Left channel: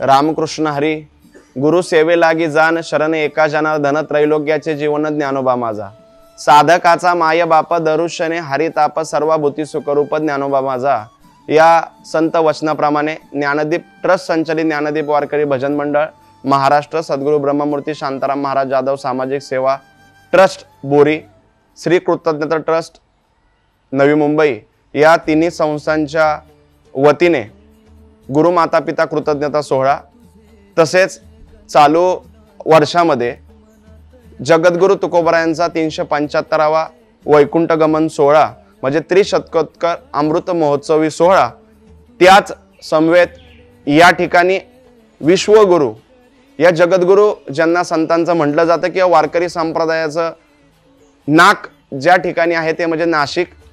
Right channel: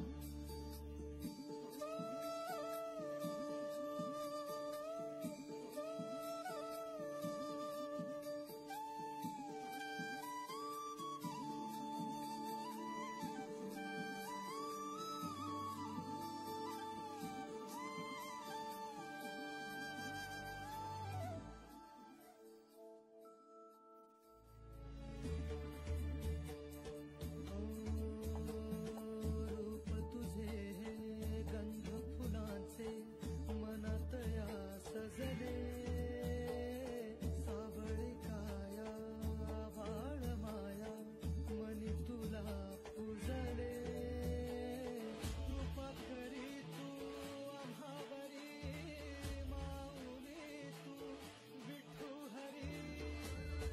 रामकृष्ण हरी। गुरु सेवे लागी जाण, शरण एका जना, धन त्रैलोक्याचे जीवन ज्ञानोबा माझा। साधकाचा माय बाप, दरुशने हरिताप, सर्वभूती सुखरूप ज्ञानोबा माझा। या संत वचनाप्रमाणे ज्ञानदीप ट्रस्ट संचलित ज्ञानदीप वारकरी भजन मंडळ, महाराष्ट्र, सद्गुरु ब्रह्ममूर्ती शांताराम महाराज जाधव सामाजिक सेवा ट्रस्ट बोरी, श्री कृतज्ञता ट्रस्ट नवी मुंबई या तिन्ही संस्थांच्या वतीने गुरु माता पिता कृतज्ञता सोहळा, तसेच चालू वर्षामध्ये जगद्गुरु तुकोबरायांचा 375वा वैकुंठ गमन सोहळा म्हणजे त्रिशतकोत्तर अमृत महोत्सवी सोहळा, त्याच समवेत या ठिकाणी विश्वगुरु या जगद्गुरु ज्यांना संतांचं म्हटलं जातं किंवा वारकरी संप्रदायाचं नाक ज्या ठिकाणी आहे ते म्हणजे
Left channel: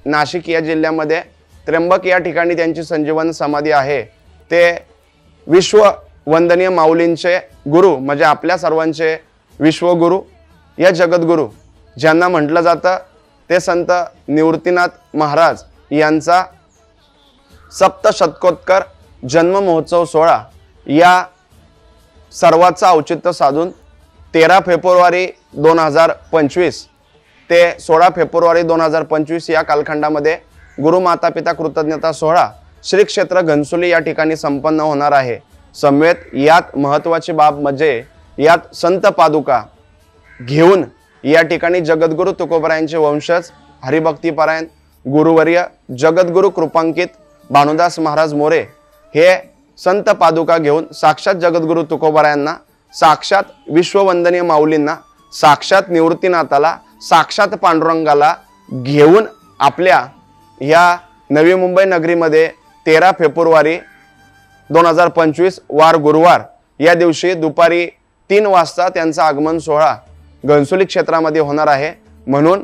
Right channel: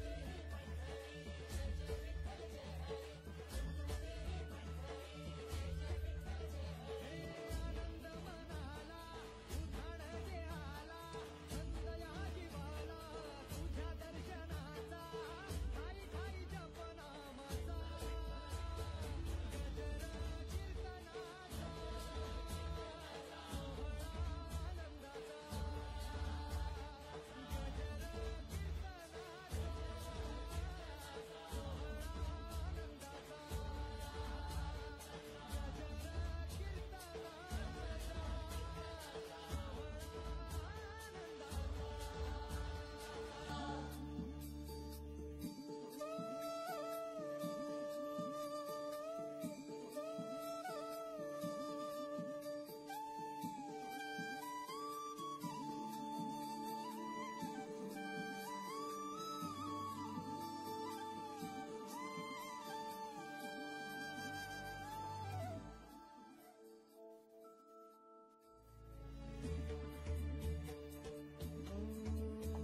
नाशिक या जिल्ह्यामध्ये त्र्यंबक या ठिकाणी त्यांची संजीवन समाधी आहे। ते विश्व वंदनीय माऊलींचे गुरु म्हणजे आपल्या सर्वांचे विश्वगुरु या जगद्गुरु ज्यांना म्हटलं जातं ते संत निवृत्तीनाथ महाराज यांचा सप्तशतकोत्तर जन्म महोत्सव सोहळा या सर्वाचा औचित्य साधून 13 फेब्रुवारी 2025 ते 16 फेब्रुवारी 2025 या कालखंडामध्ये गुरु माता पिता कृतज्ञता सोहळा श्री क्षेत्र घनसोली या ठिकाणी संपन्न होणार आहे। समवेत यात महत्त्वाची बाब म्हणजे यात संत पादुका घेऊन या ठिकाणी जगद्गुरु तुकोबरायांचे वंशज हरिभक्तीपरायण गुरुवर्य जगद्गुरु कृपांकित भानुदास महाराज मोरे हे संत पादुका घेऊन साक्षात जगद्गुरु तुकोबरायांना, साक्षात विश्ववंदनीय माऊलींना, साक्षात निवृत्तीनाथाला, साक्षात पांडुरंगाला घेऊन आपल्या या नवी मुंबई नगरीमध्ये 13 फेब्रुवारी 2025 वार गुरुवार या दिवशी दुपारी 3 वाजता त्यांचा आगमन सोहळा घनसोली क्षेत्रामध्ये होणार आहे। म्हणून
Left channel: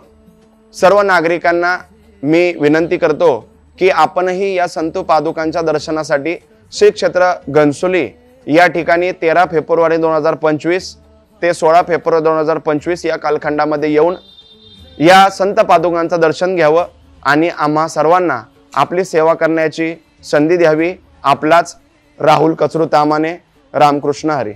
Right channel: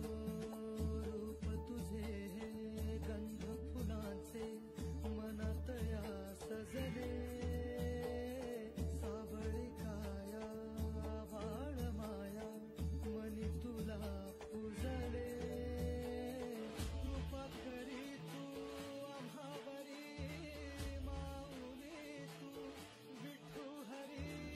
सर्व नागरिकांना मी विनंती करतो की आपणही या संत पादुकांच्या दर्शनासाठी श्री क्षेत्र घनसोली या ठिकाणी 13 फेब्रुवारी 2025 ते 16 फेब्रुवारी 2025 या कालखंडामध्ये येऊन या संत पादुकांचं दर्शन घ्यावं आणि आम्हा सर्वांना आपली सेवा करण्याची संधी द्यावी। आपलाच राहुल कचरू तामाने। रामकृष्ण हरी।